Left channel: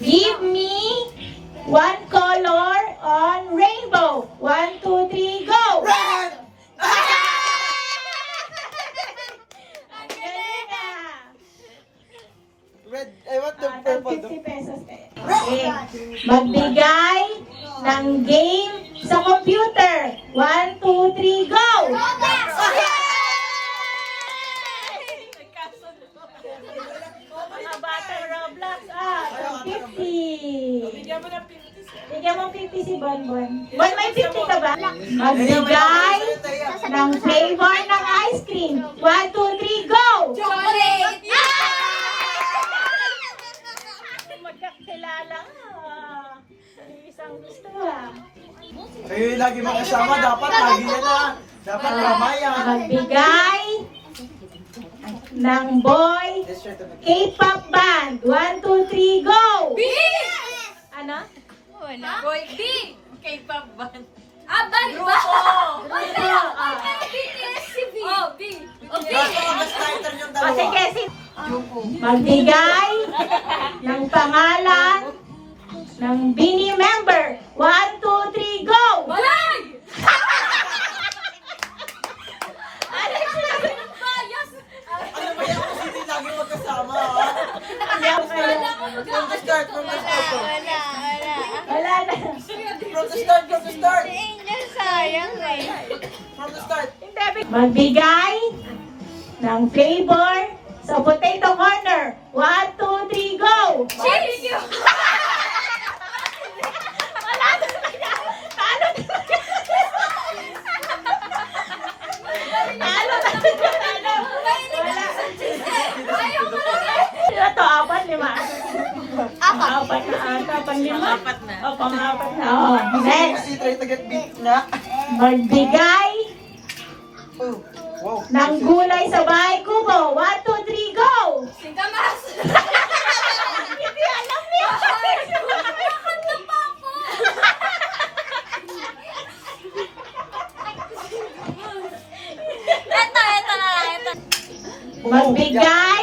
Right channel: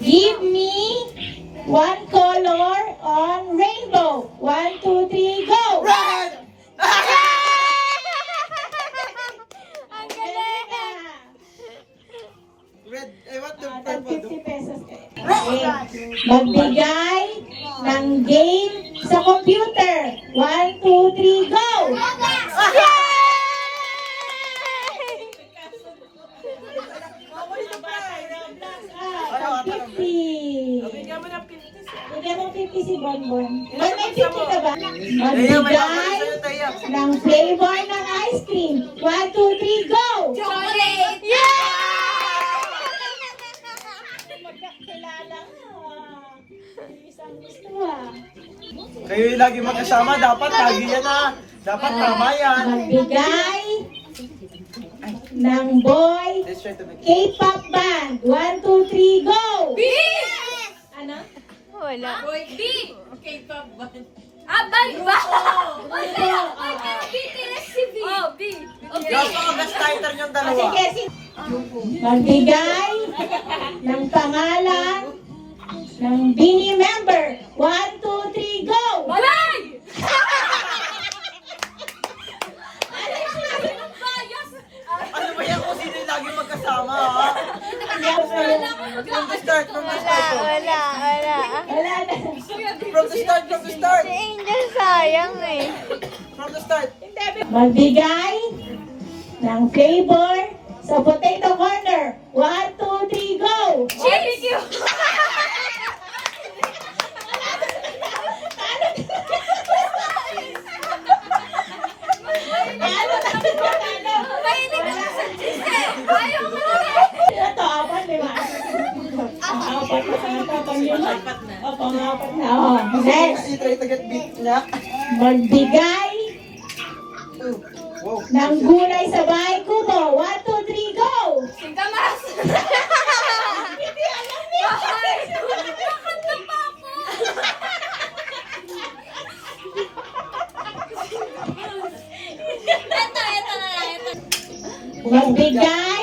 Give me one color on rainbow. 1, 2, 3, go! Red! Ang galing ah! Red, I want the Tag purple. 50 pesos kayo. Okay. Magbigay ng game sa computer. 1, 2, 3, go! Mga batang Roblox, tag 50. Bigyan mo 50 si Bonbon. Bon, may 50 ka ba? Magbigay ng flavor ng ice cream. 1, 2, 3, go! Chocolate! Magkakilala. Isang gusto ah. Kayo yung lagi magkasama, dapat lagi yan ah. Dapat ramayan. Magbigay ng boy Let's try to make K-pop band. 1, 2, 3, go! B! Ano? Wala. Boy, B! K-pop band. Ah, ba? Ba? BTS si B. Oh, B. Oh, B. Gusto ko best writer yung O dalawa. sige, magbigay ng pangalan ng Bini member. 1, 2, 3, go! Balay! Ano ba yan kung sino yung lagi magkasama ha? Ayaw kayo. From the start po. Wala na. From the start. From the start. Magbigay ng flavor sa potato corner. 1, 2, 3, go! Barbecue! Ayaw ko lang eh. Ito, 4, 5. Apat na ata, pang-5. O, pang-4 na. O, next. You try to get beat na. Magbigay Oh, wow. ng gulay sa bahay kubo. 1, 2, 3, go! Singkamas! Hindi alam niya. Nakanta pa ako! Ito na lang. Magbigay